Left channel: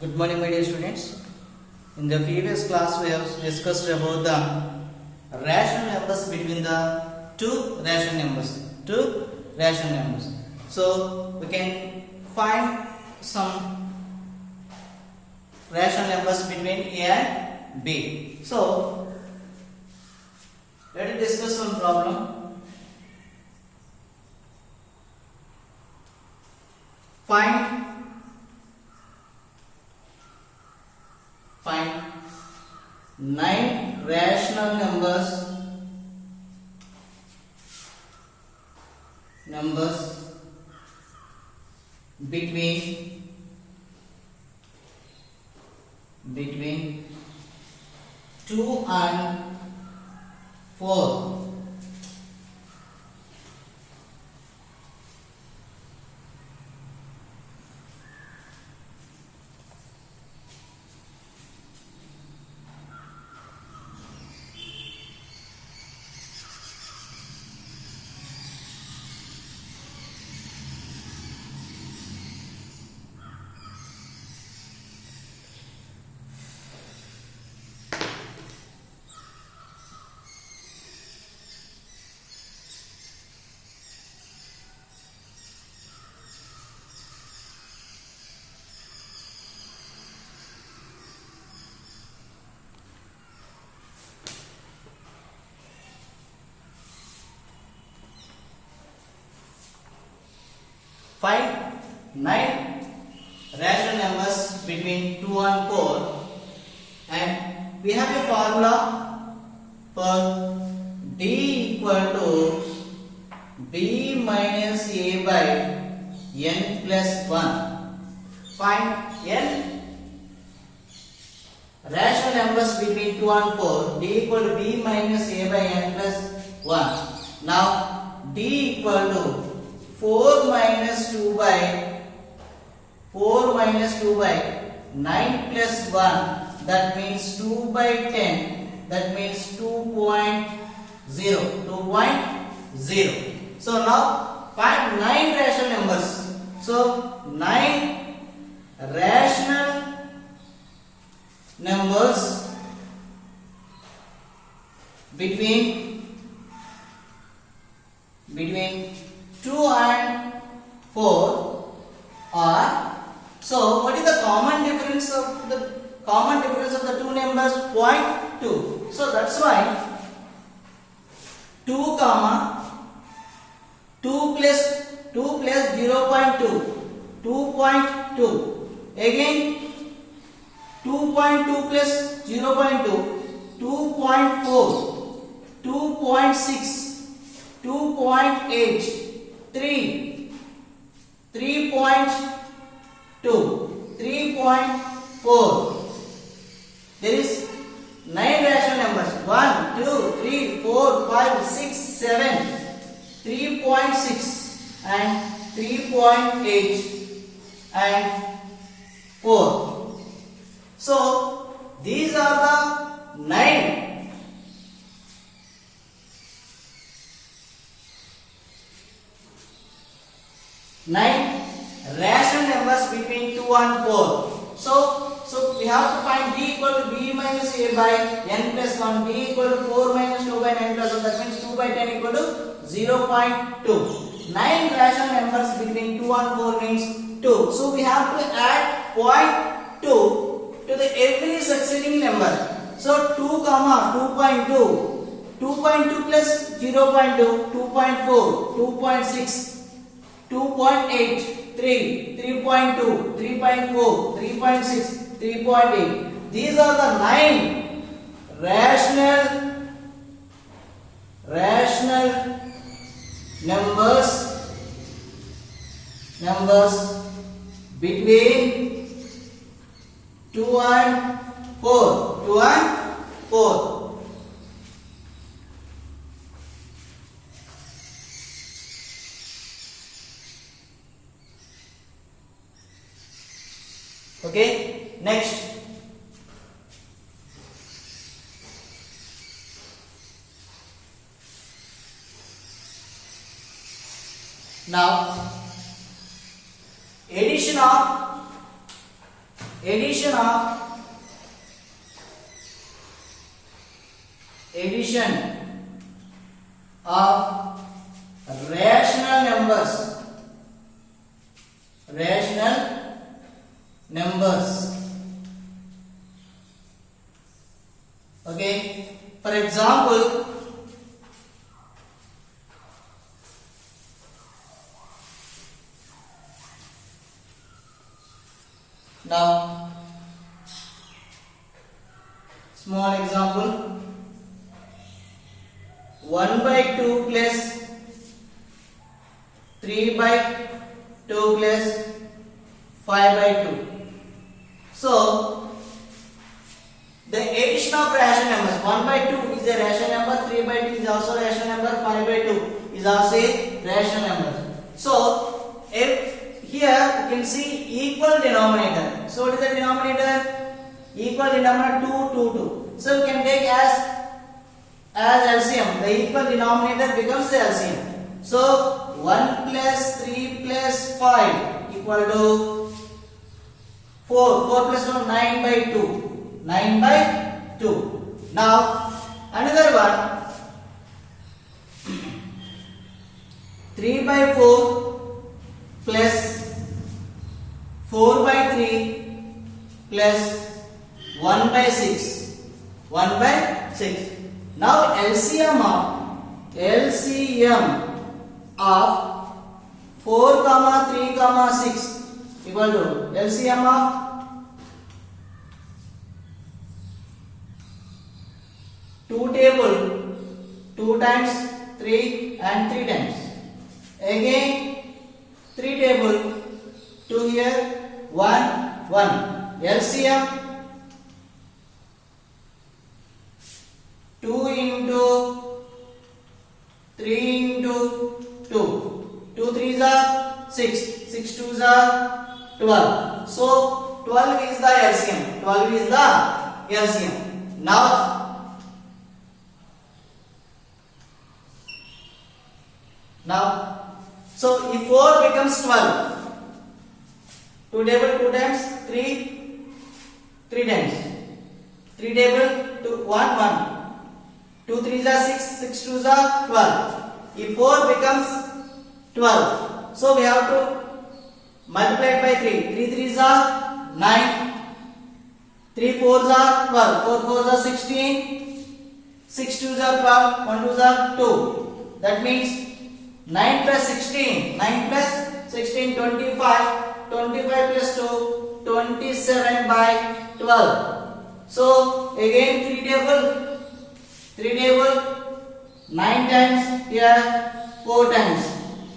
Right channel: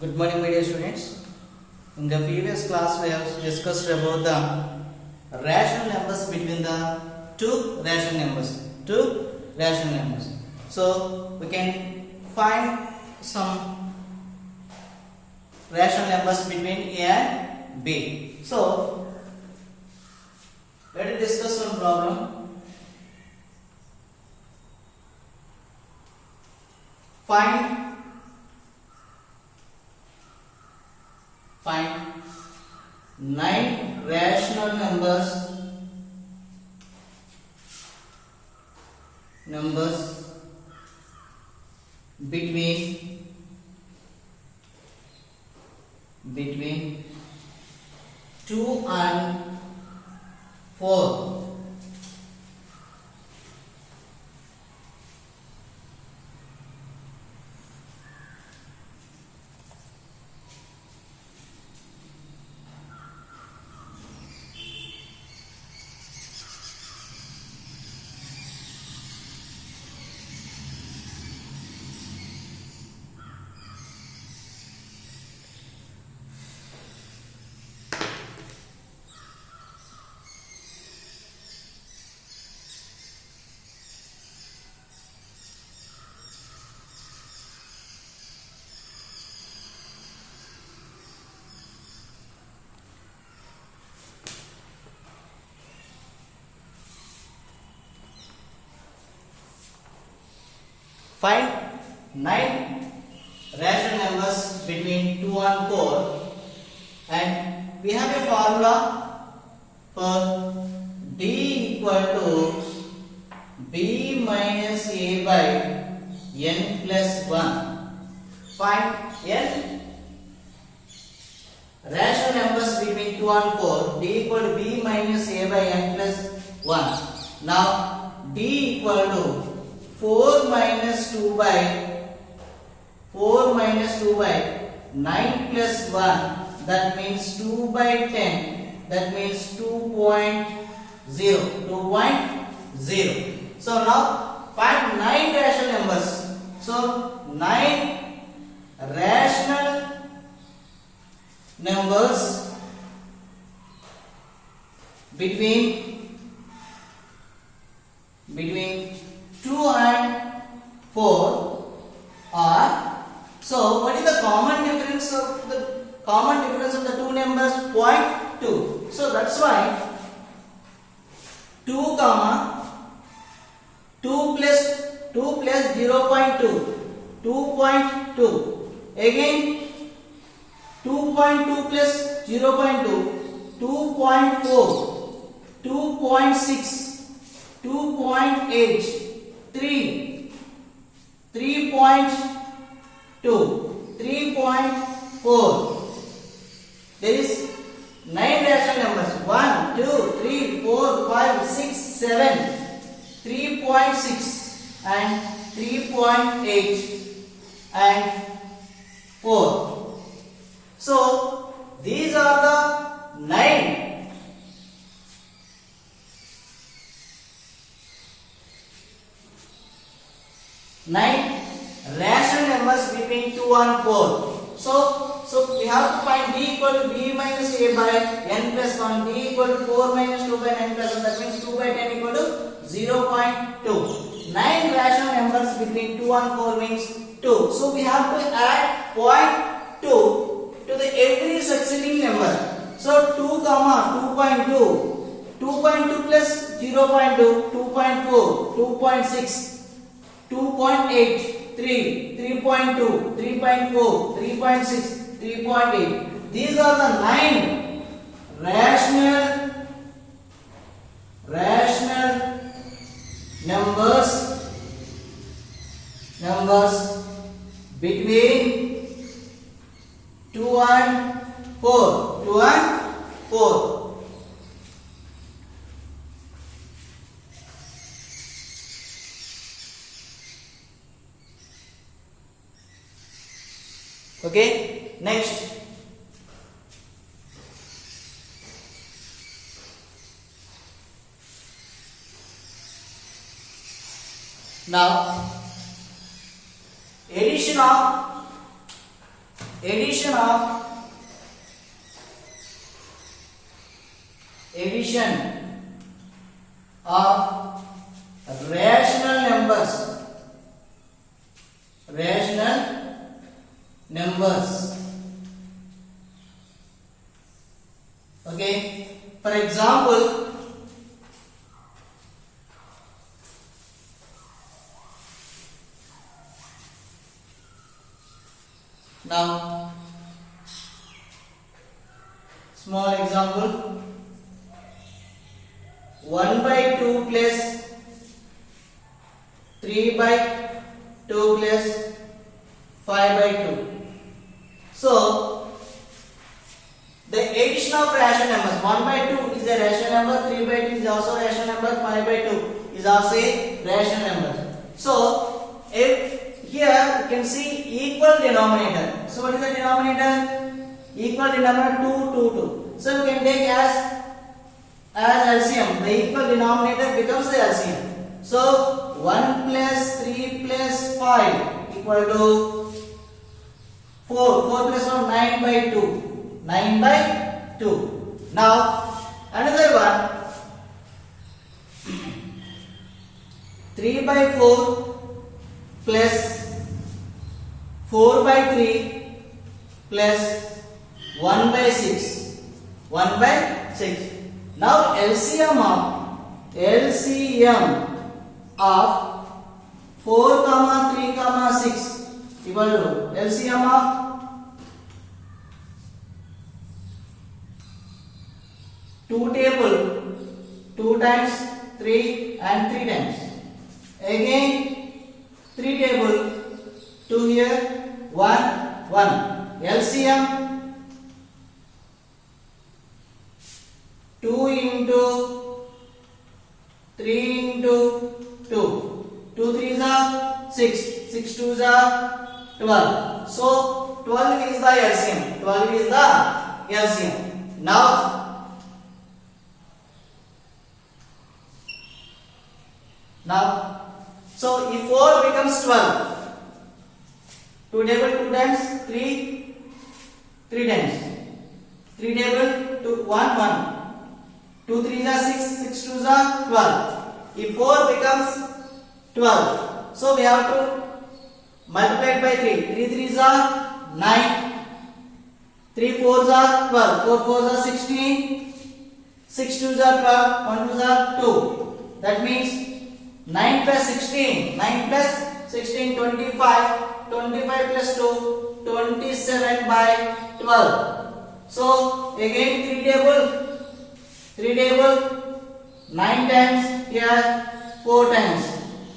Good morning, my dear students. In the previous class, we have discussed about the rational numbers between the two rational numbers. So we can find some rational numbers between A and B. So let us discuss one problem. Find 9 rational numbers between 2 and 4. Find 9 rational numbers between 2 and 4, and we have a formula for D equal to B minus A by N plus 1. Find N rational numbers between 2 and 4. D equal to B minus A by N plus 1. Now D equal to 4 minus 2 by 9 plus 1, that means 2 by 10, that means 2.0. So now find 9 rational numbers. So 9 rational numbers between 2 and 4 are, so what is the common difference of the two numbers? 0.2. So that's why 2 plus 0.2, 2.2. Again 2.2 plus 0.2, 2.4, 2.6, 2.8, 3.2, 3.4. There is 9 rational numbers. 1, 2, 3, 4, 5, 6, 7, 3.6 and 3.8 and 4. So these are the 9 rational numbers between 2 and 4. So we have to find D equal to B minus A by N plus 1. D equal to 4 minus 2 by N plus 1. That means 2 by 10 equal to 0.2. 9 rational numbers between 2 and 4 means 2. So we have to add 0.2 to the every succeeding number. So 2, 2.2. 2.2 plus 0.2, 2.4, 2.6. 2.8, 3, 3.2, 3.4, 3.6, 3.8. These are the 9 rational numbers between 2 and 4. 2 and 4. Okay, next. Now, addition of addition of rational numbers. Okay, for example, now small example, 1 by 2 plus 3 by 2 plus 5 by 2. So the addition of rational numbers, 1 by 2 is a rational number, 3 by 2 is also a rational number, 5 by 2 is also a rational number. So if here you can see equal denominator. So what is the denominator? Equal denominator 2, 2, 2. So you can take as LCM. The equal denominator becomes the LCM. So 1 plus 3 plus 5 equal to 4. 4 plus 1, 9 by 2. 9 by 2. Now another one, 3 by 4 plus 4 by 3 plus 1 by 6. 1 by 6. Now LCM of 4 comma 3 comma 6 equal to LCM of 2 table 2 times 3 and 3 times. Again 3 table 2 here 1 1. LCM 2 into 3 into 2. 2 3s are 6. 6 2s are 12. So 12 is the LCM. 12 is the LCM. Now so if 4 becomes 12, 2 table 2 times 3 times. 3 table 2 1 1. 2 3s are 6, 6 2s are 12. If 4 becomes 12, so we have to multiply it by 3. 3 3s are 9. 3 4s are 12. 4 4s are 16. 6 2s are 12. 1 2s are 2. That means 9 plus 16. 9 plus 16, 25. 25 plus 2, 27 by 12. So again 3 table 9 times here 4 times.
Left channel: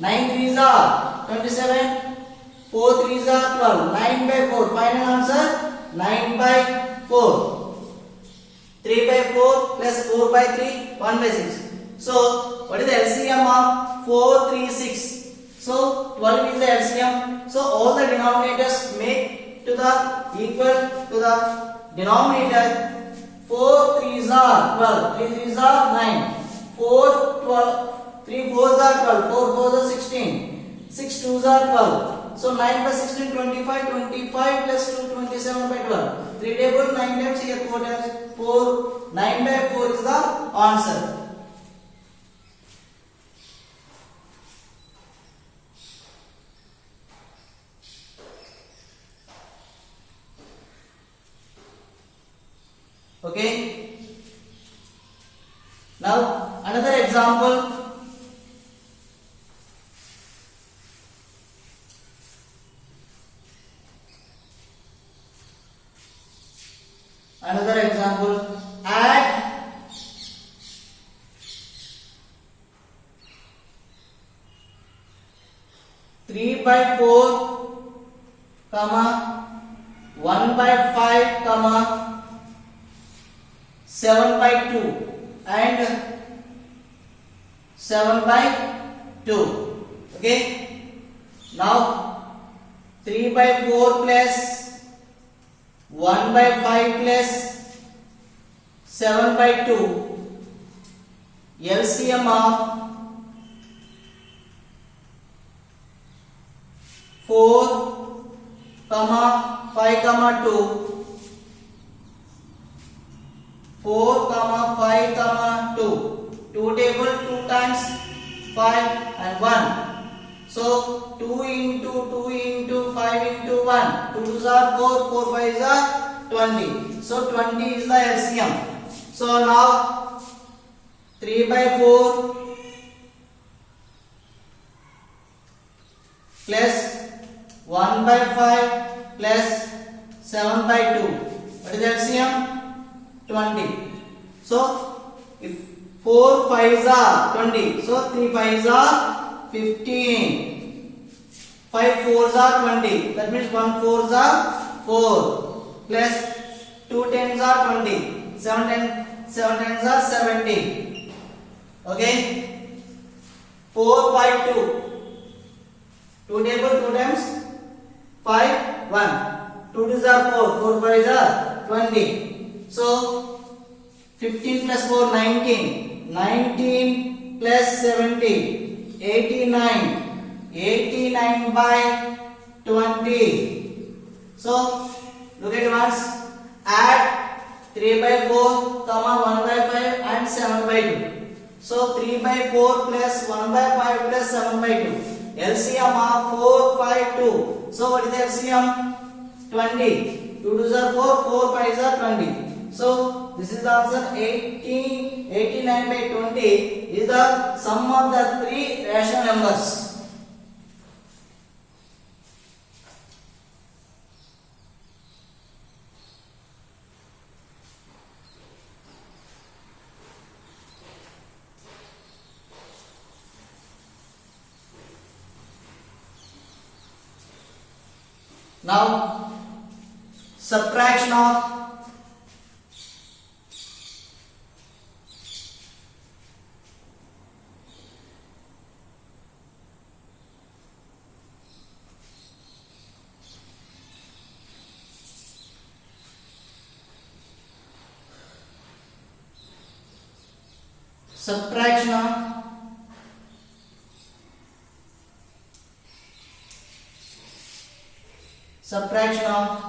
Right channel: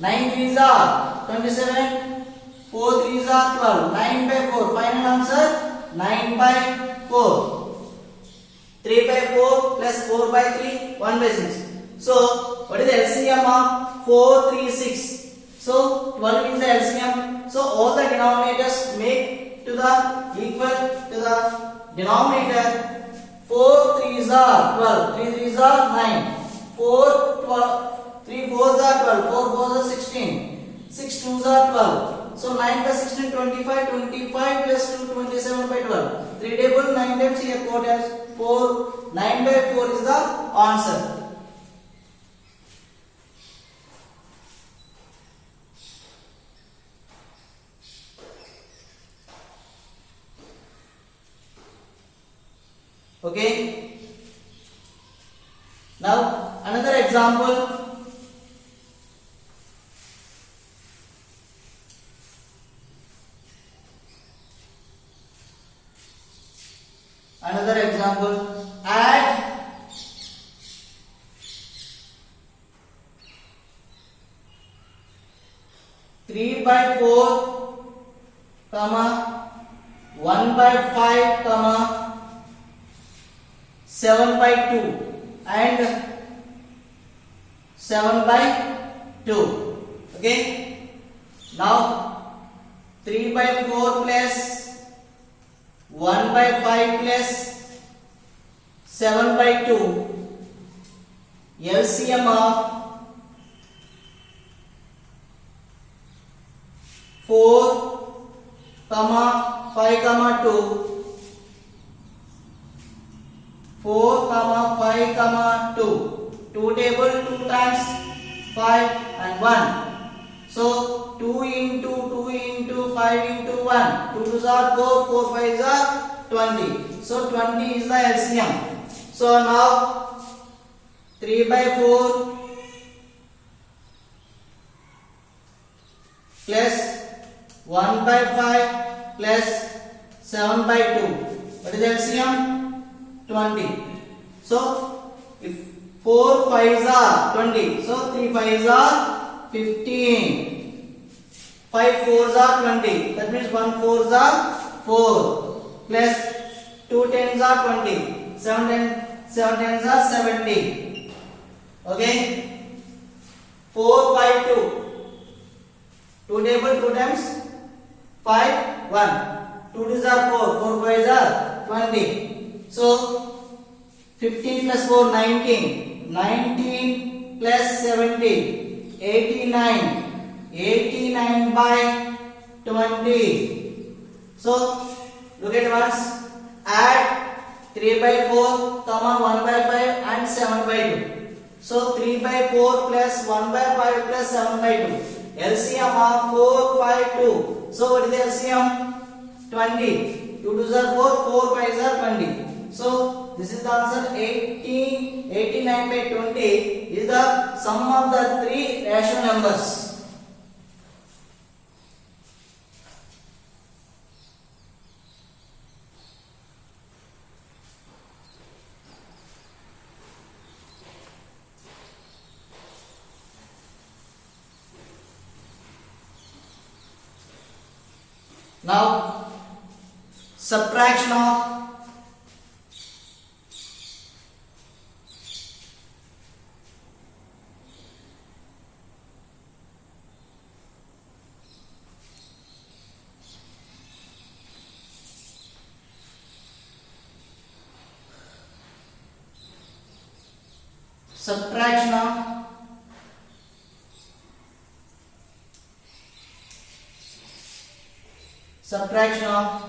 9 3s are 27. 4 3s are 12. 9 by 4. Final answer 9 by 4. 3 by 4 plus 4 by 3, 1 by 6. So what is the LCM of 4 3 6? So 12 is the LCM. So all the denominators make to the equal to the denominator. 4 3s are 12. 3 3s are 9. 4 12. 3 4s are 12. 4 4s are 16. 6 2s are 12. So 9 by 16 25. 25 plus 2 27 by 12. 3 table 9 times here 4 times 4. 9 by 4 is the answer. Okay. Now another example. Add 3 by 4 comma 1 by 5 comma 7 by 2 and 7 by 2. Okay. Now 3 by 4 plus 1 by 5 plus 7 by 2. LCM of 4 comma 5 comma 2, 4 comma 5 comma 2, 2 table 2 times 5 and 1. So 2 into 5 into 1, 2 2s are 4, 4 5s are 20. So 20 is the LCM. So now 3 by 4 plus 1 by 5 plus 7 by 2. What is LCM? 20. So if 4 5s are 20, so 3 5s are 15. 5 4s are 20. That means 1 4s are 4 plus 2 10s are 20. 7 10s are 70. Okay. 4 5 2. 2 table 2 times 5 1. 2 2s are 4. 4 5s are 20. So 15 plus 4 19. 19 plus 70 89. 89 by 20. So look at once. Add 3 by 4 comma 1 by 5 and 7 by 2. So 3 by 4 plus 1 by 5 plus 7 by 2. LCM of 4 5 2. So what is the LCM? 20. 2 2s are 4, 4 5s are 20. So this is the answer. 89 by 20 is the sum of the three rational numbers. Now subtraction of subtraction of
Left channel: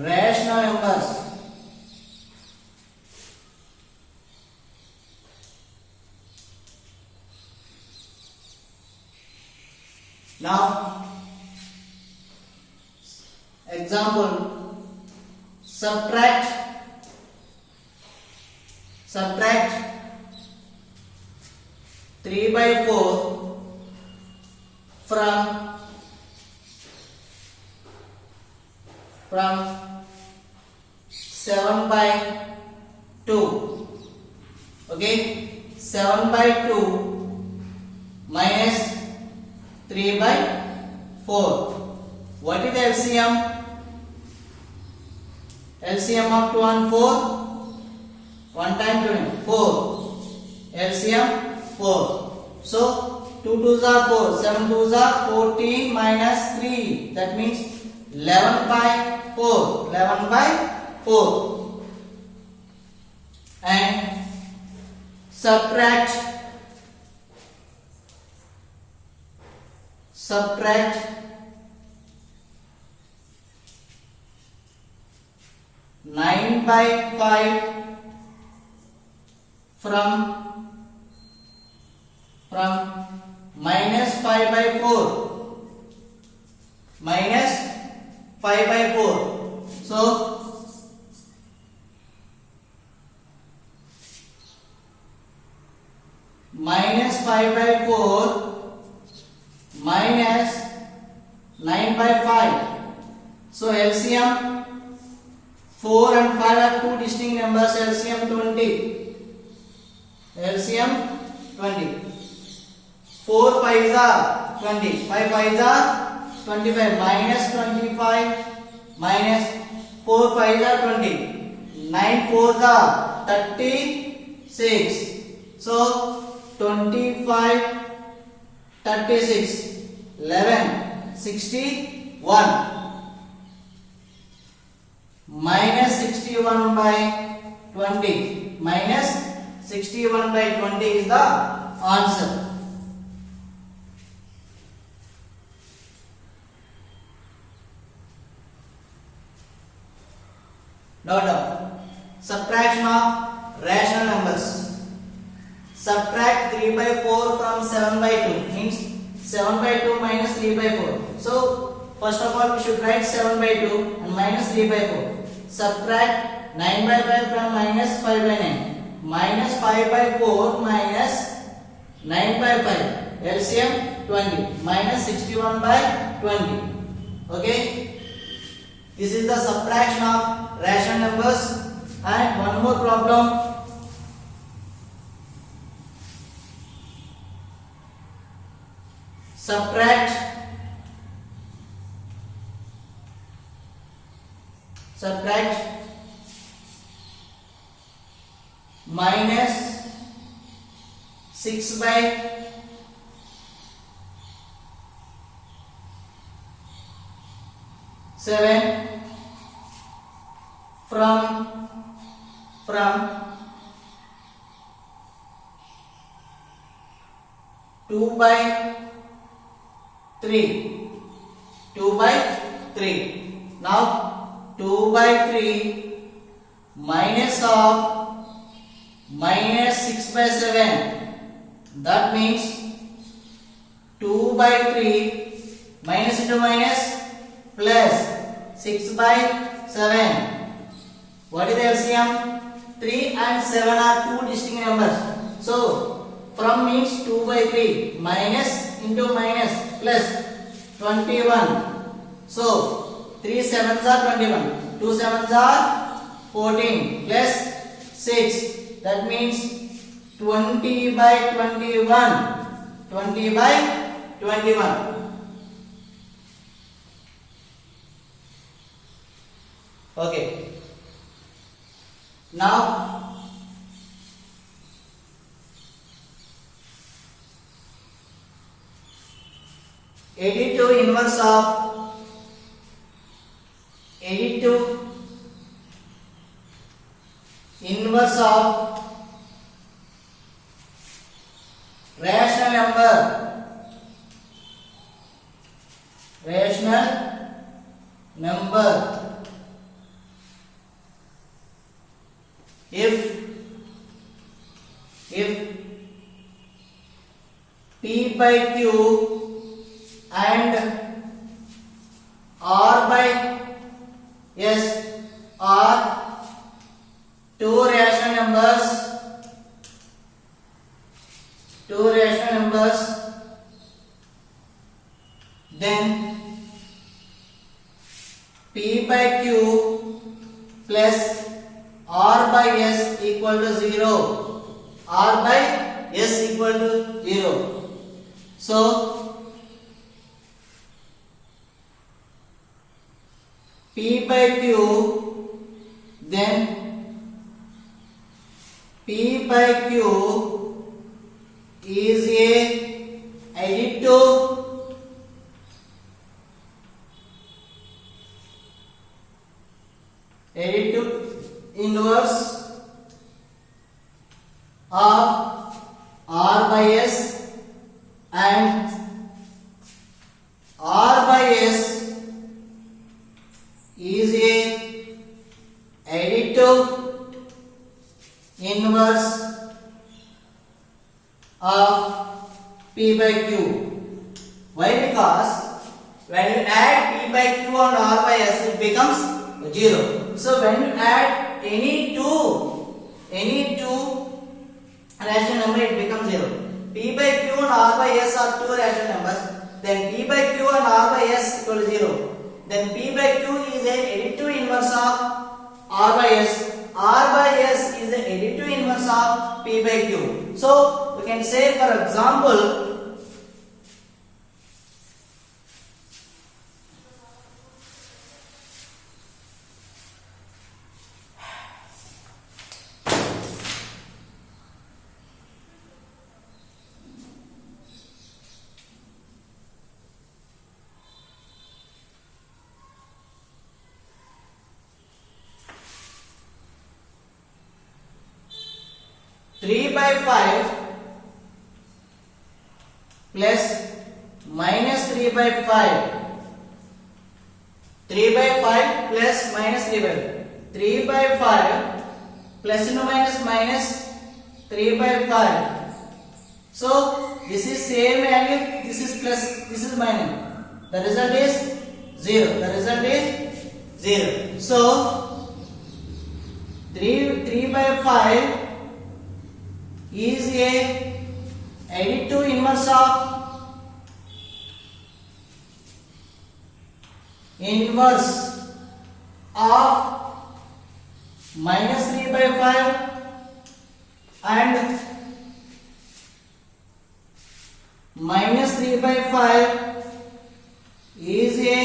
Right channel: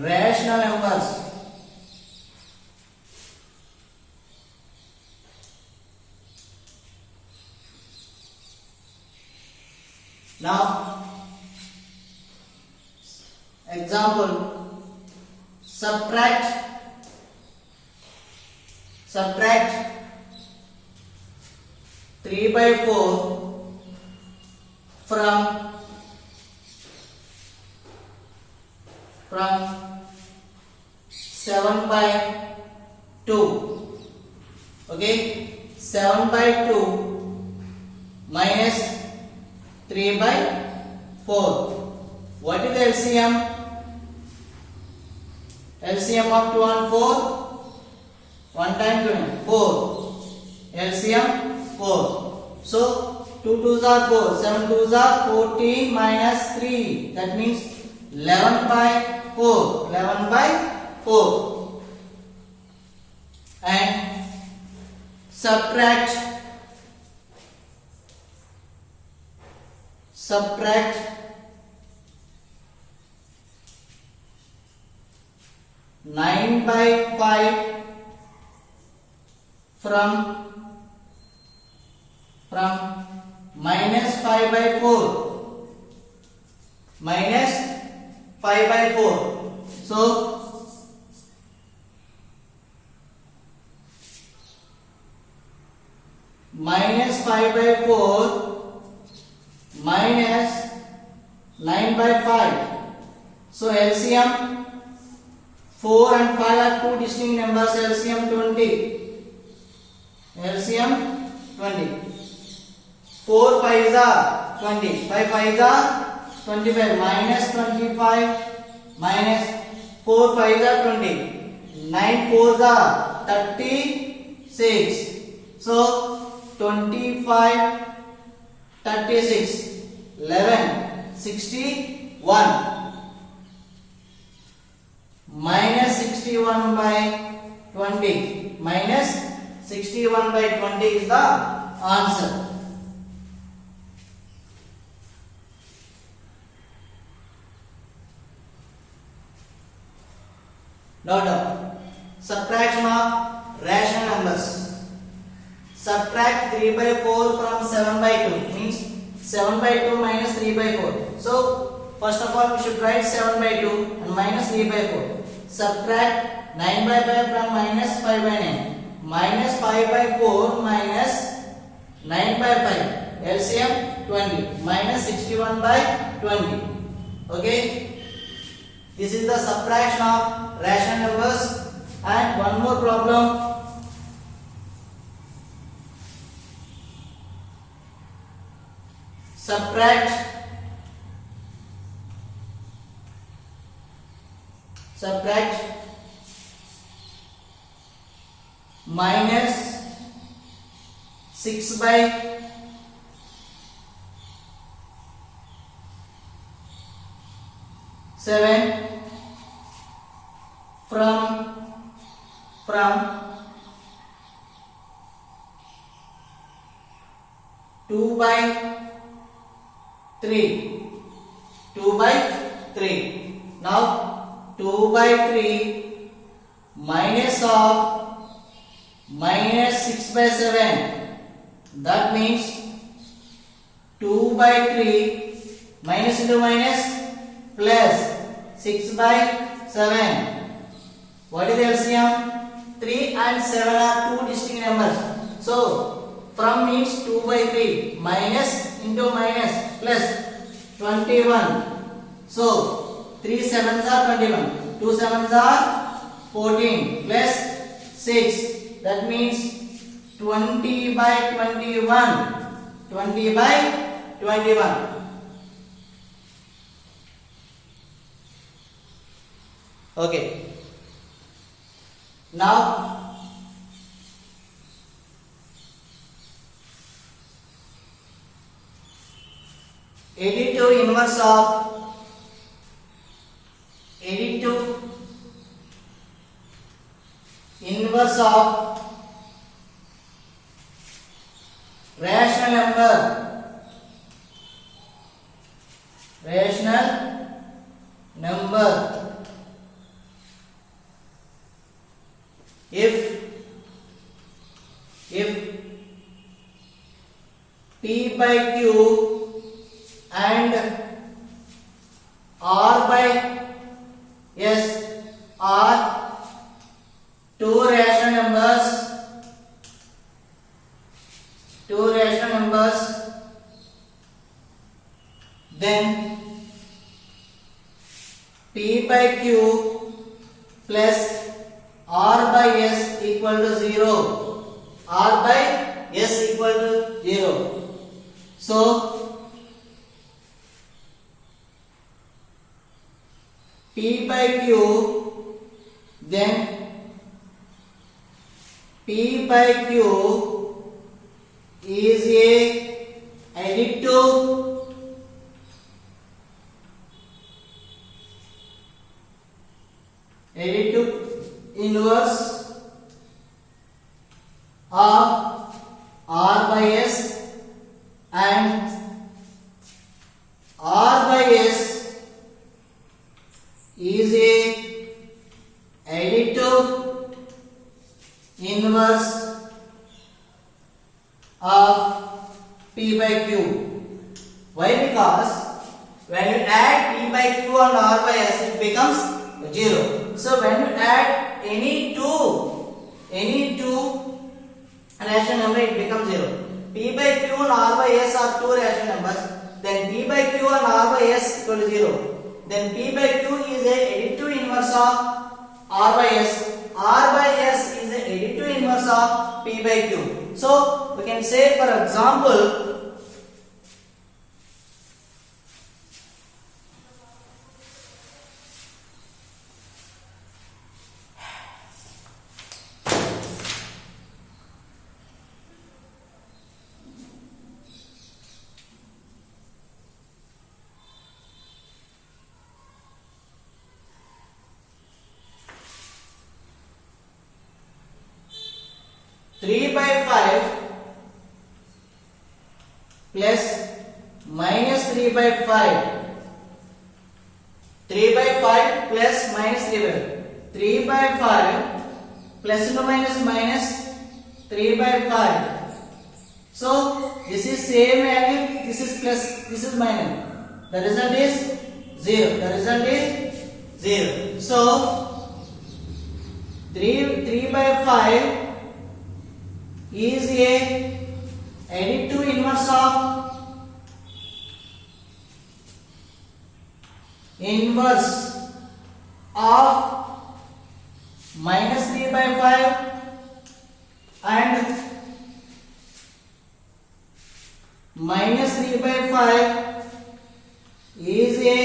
rational numbers. Now example, subtract 3 by 4 from 7 by 2. Okay, 7 by 2 minus 3 by 4. What is the LCM? LCM of 2 and 4. 1 time 2 and 4. LCM 4. So 2 2s are 4. 7 2s are 14 minus 3. That means 11 by 4. 11 by 4. And subtract 9 by 5 from minus 5 by 4. Minus 5 by 4. So minus 5 by 4 minus 9 by 5. So LCM 4 and 5 are two distinct numbers. LCM 20. LCM 20. 4 5s are 20. 5 5s are 25. Minus 25 minus 4 5s are 20. 9 4s are 36. So 25 36 11 61 minus 61 by 20. Minus 61 by 20 is the answer. Note down. Subtraction of rational numbers. Subtract 3 by 4 from 7 by 2 means 7 by 2 minus 3 by 4. So first of all we should write 7 by 2 and minus 3 by 4. Subtract 9 by 5 from minus 5 by 9. Minus 5 by 4 minus 9 by 5. LCM 20 minus 61 by 20. Okay. This is the subtraction of rational numbers. And one more problem. Subtract minus 6 by 7 from 2 by 3. 2 by 3. Now 2 by 3 minus of minus 6 by 7. That means 2 by 3 minus into minus plus 6 by 7. What is the LCM? 3 and 7 are two distinct numbers. So from means 2 by 3 minus into minus plus 21. So 3 sevens are 21. 2 sevens are 14 plus 6. That means 20 by 21. 20 by 21. Okay. Now 82 inverse of 82 inverse of rational number if P by Q and R by S are two rational numbers, then P by Q plus R by S equal to 0. R by S equal to 0. So P by Q, then P by Q is a additive inverse of R by S, and R by S is a additive inverse of P by Q. Why? Because when you add P by Q and R by S, it becomes 0. So when you add any two rational number, it becomes 0. P by Q and R by S are two rational numbers. Then P by Q and R by S equal to 0. Then P by Q is a additive inverse of R by S. R by S is the additive inverse of P by Q. So we can say, for example, Three by 5 plus minus 3 by 5. 3 by 5 plus minus 3 by 5. 3 by 5 plus into minus minus 3 by 5. So this is same value, this is plus, this is minus. The result is 0. The result is 0. So 3 by 5 is a additive inverse of minus 3 by 5 and minus 3 by 5 is a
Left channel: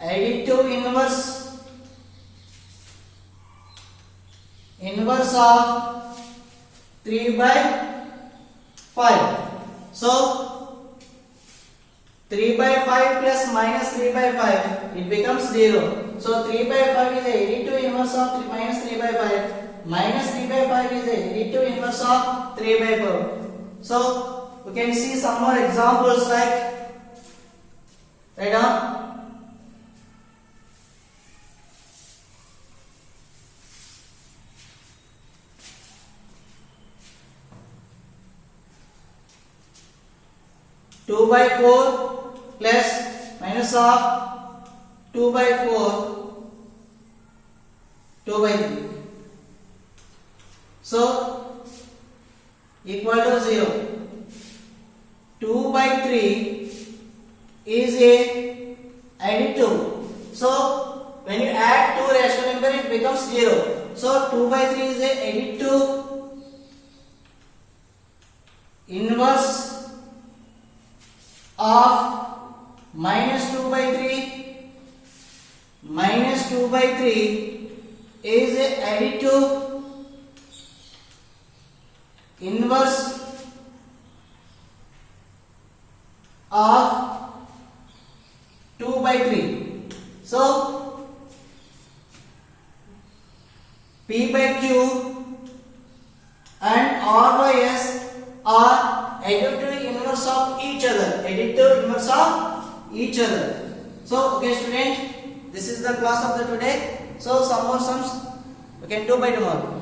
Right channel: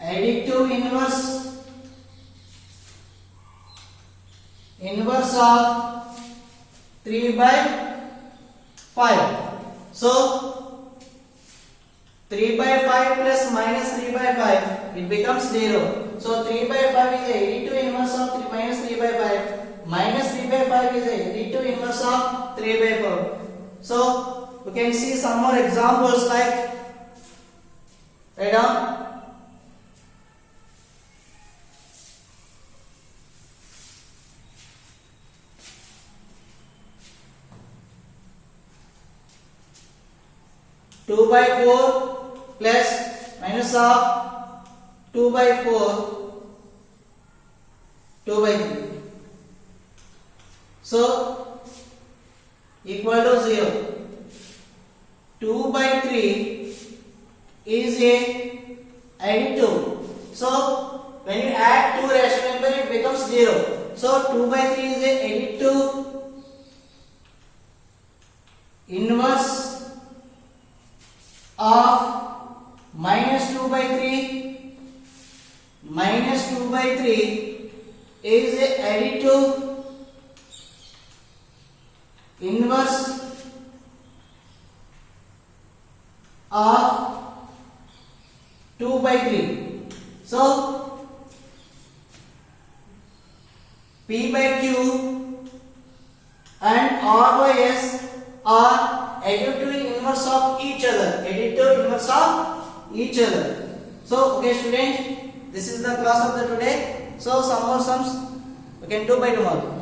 additive inverse of 3 by 5. So 3 by 5 plus minus 3 by 5, it becomes 0. So 3 by 5 is a additive inverse of minus 3 by 5. Minus 3 by 5 is a additive inverse of 3 by 4. So we can see some more examples like, write down. 2 by 4 plus minus of 2 by 4, 2 by 3. So equal to 0. 2 by 3 is a additive. So when you add two rational numbers, it becomes 0. So 2 by 3 is a additive inverse of minus 2 by 3. Minus 2 by 3 is a additive inverse of 2 by 3. So P by Q and R by S are additive inverse of each other. Additive inverse of each other. So okay student, this is the class of the today. So some more sums we can do by tomorrow.